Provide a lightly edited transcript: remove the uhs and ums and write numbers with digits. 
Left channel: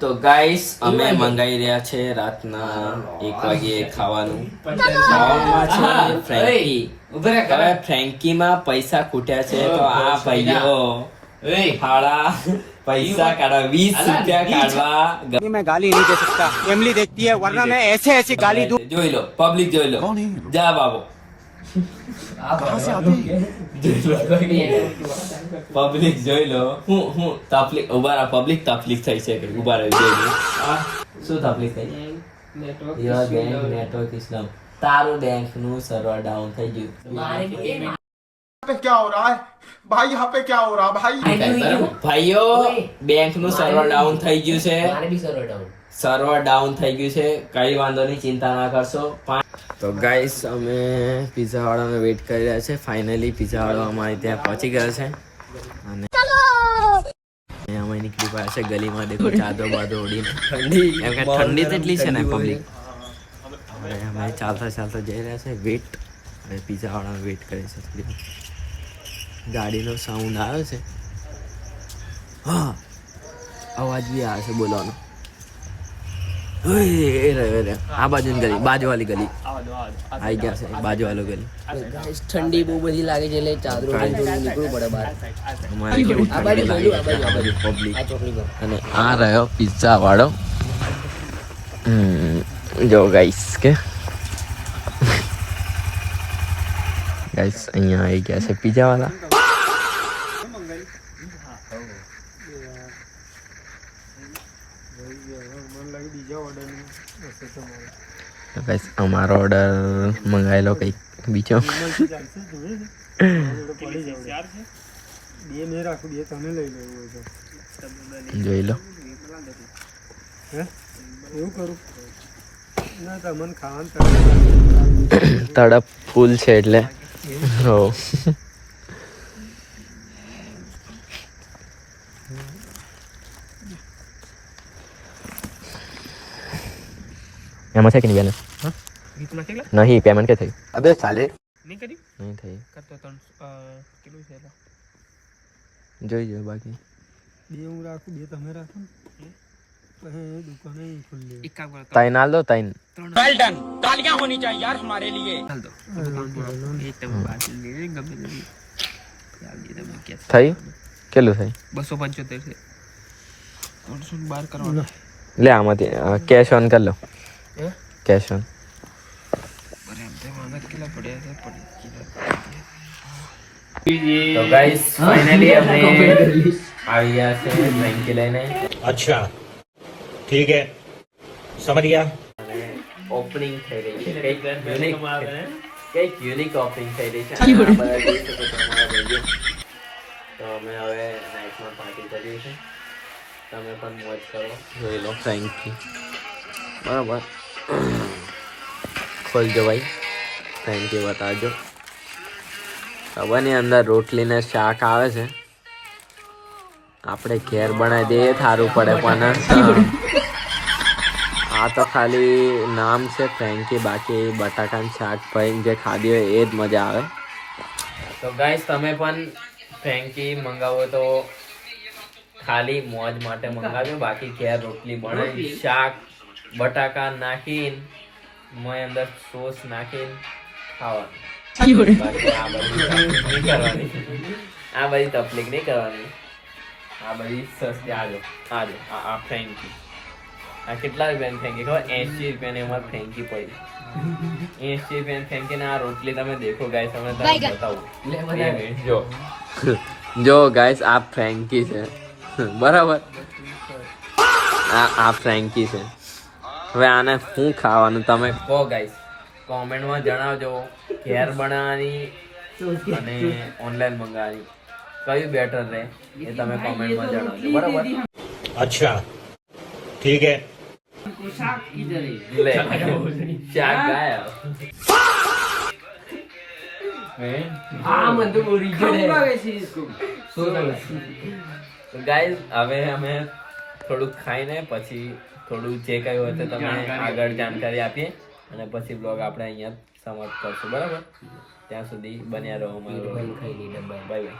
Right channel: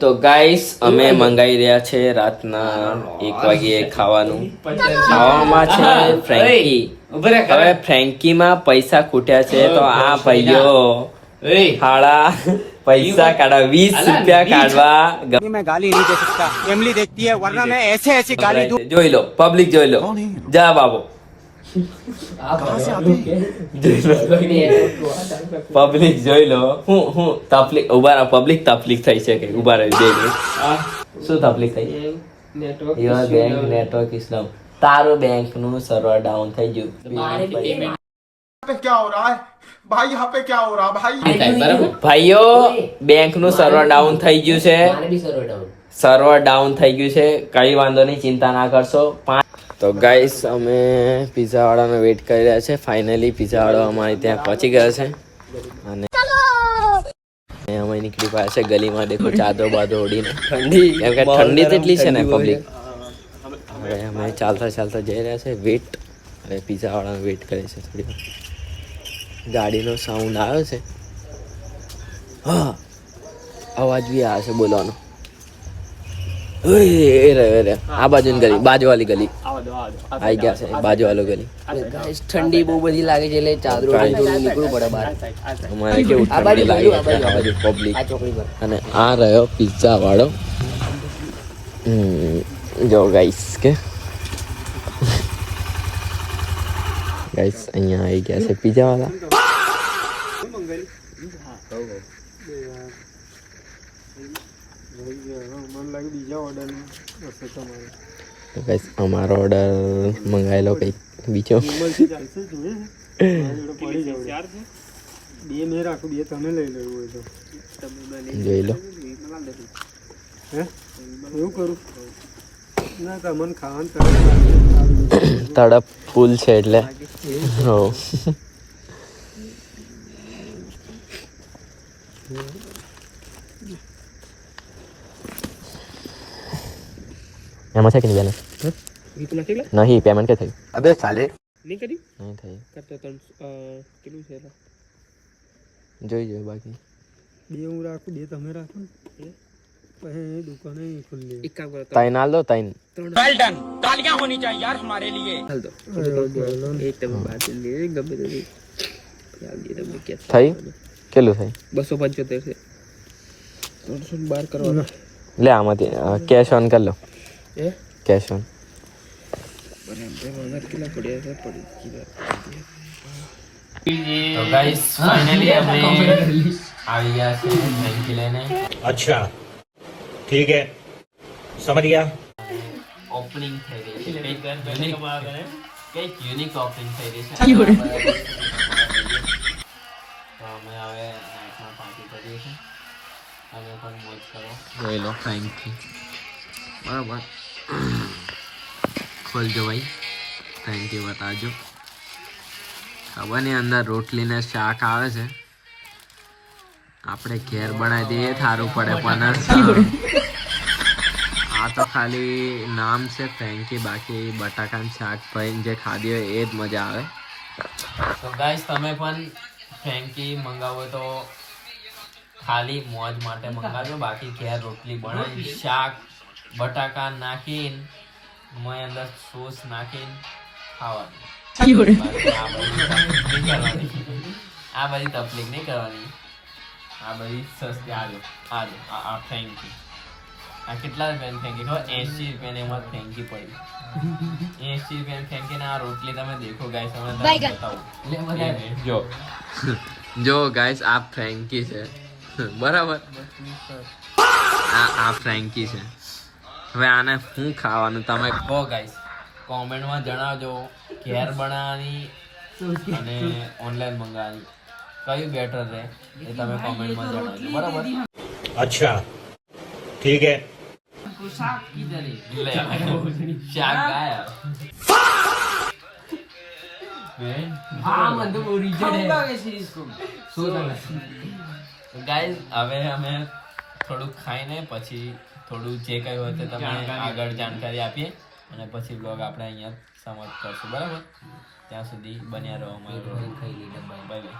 તો ગાઈસ અમે મંગાઈ રહ્યા છે રાતના 1 વાગે ખાવાનું. ખાવામાં છે ફ્રેન્કી. હવે ફ્રેન્કીમાં પૈસા ખૂટ્યા છે તો આ ભાઈઓ હાડા પૈસા કાઢવા 20 રૂપિયા કાઢવા. मैं गाली नहीं दे सकता, फैमिली देखती है वरना मैं ऐसे ऐसी गाली दूं. જોઈ લો પબ્લિક જોઈ લો. જા બાબુ कहाँ से आते हैं? પબ્લિક જોઈ લો. હું તકલીફ ઉભા રહો. પબ્લિક તકલીફ થઈ છે કે ઉભા રહી બે શું તકલીફ થઈ? Your bank network is down. તારો બેંક નું સર્વર ડાઉન થઈ ગયું. पे क्या हो रहा है भाई? यहाँ पे क्या हो रहा है भाई? ભાઈઓ બેંક નું સર્વર ડાઉન થઈ ગયું છે. સર્વર ડાઉન થઈ ગયું છે. કઈ વાંધો નહીં, ચિંતા ના કરશો. તો ગાઈસ અમે પિઝા વાળાને વેઇટ કરી રહ્યા છે. ફાઇનલી પિઝા વાળો અમારે ત્યાં પહોંચી ગયો છે અને અમે નીકળી પાયા છે ગલીમાં. દેખો ચાદરો બાદરો ઓડીને. ઠંડી કેમ કે ઠંડી તેટલી છે ને પબ્લિક. હવે અમે ચાલતા ચાલતા જઈ રહ્યા છે. વેટ હવે પિઝા વાળાને વેઇટ કરે છે. થોડી વાર ગાડીનો સાઉન્ડ આવ્યો છે. હા અવાજ બી આવે છે બોલવાનો. આ બાજુની ગલી, બાજુવાળી ગલી આવી ગયા છે. બાજુવાળો ગલી. ઠંડી બહુ બધી લાગે છે એટલે ચાદરો નીકળવું પડે બહાર. અમારે કેવું ઠંડી લાગે છે આ બાજુ પબ્લિક. અને આ રહ્યો પિઝા વાળો. જો ગાઈસ કે ગાઈસ અહીંયા આવી ગયા છે પિઝા વાળા. તો ગાઈસ અમારો ઓર્ડર મંગાવેલો કંઈક બીજો. જોઈ લો. તડપ ફૂલ છે એટલે હો. એમાં છે કે નહીં નહીં પેમેન્ટ કે થઈ? अबे साले નહીં થઈ. જોઈ જો બાકી બે હું રાખું, બે તમે રાખો ને પછી દુકાને ખુલ્લી. એક કામ કરો, તાઈ નાલ દો. તાઈ वेल डन, तालियां होनी चाहिए यार हमारे लिए. હાલ દો. એક તમે બાદ લે ગમે તે યાદી તમે કે થઈ કેટલું થઈ? 275 છે. 312 કરવાનો. લે આમાંથી કેશ ઓન કરી લો. Cash on. તો ગાઈસ ફાઇનલી અમે આવી ગયા છે ફ્રેન્કી લઈને. अच्छा ठीक है समझ गया. ઓપનિંગ થઈ રહી છે. કંઈક યુનિક ઓપનિંગ થઈ રહી છે. તો અમે હવે નાઇટમાં પાર્ટી કરીએ છીએ. તમે પણ મોજ કરો. જોઈ લો ફ્રેન્કી. બરાબર ખોલજો ભાઈ. ફ્રેન્કી બતાવજો. ખબર નહીં અંદર રોટલી ને શાક આવે છે. આપણે ઘેર બનાવી દઈએ સારું પડે પણ આ તો ખાલી નામ છે ફ્રેન્કી. બાકી બટાકાનું શાક ભાઈ જે ખાધી હોય એ જ મજા આવે. તો ગાઈસ તમે પણ ફ્રેન્કી મંગાવો તો ખાલી મોજ માટે મંગાવજો. બાકી ઘેર રોટલી બનાવી શાક બટાકા નાખીને મેં અંદર સોસ નાખીને ખાવાનું. આ બધી તકલીફ નહીં કરવાની. આ બધી સસ્તી. આજો આ ફ્રેન્કી. આ કેટલા રૂપિયાની ફેંકી ખબર? 80 રૂપિયાની અમારે ફેંકી પડી. 80 રૂપિયાની ફેંકી ને આ રોટલી તમે દેખો ગાઈસ. તમે બતાવું જો ગાઈસ આ ફ્રેન્કી છે બરાબર. આ ફ્રેન્કી છે. હવે આને શું ખાવાનું તમે કહો ગાઈસ. કોમેન્ટમાં જણાવજો ઘેર બનાવવાની અને ઓનલાઈન મંગાવવાની કયું બેટર રહે એ તમે કોમેન્ટમાં જણાવજો બરાબર. अच्छा ठीक है. લે શાક ગાયા. ગાઈસ હવે અમે થોડુંક ખાઈને પછી થોડું જે કયું હોય તો તમે આગળ જાણકારી આપીએ અને પછી બ્લોગ આપણે અહીંયા સમાપ્ત કરશું બરાબર. ત્યાં સુધી બન્યા રહો. Bye bye.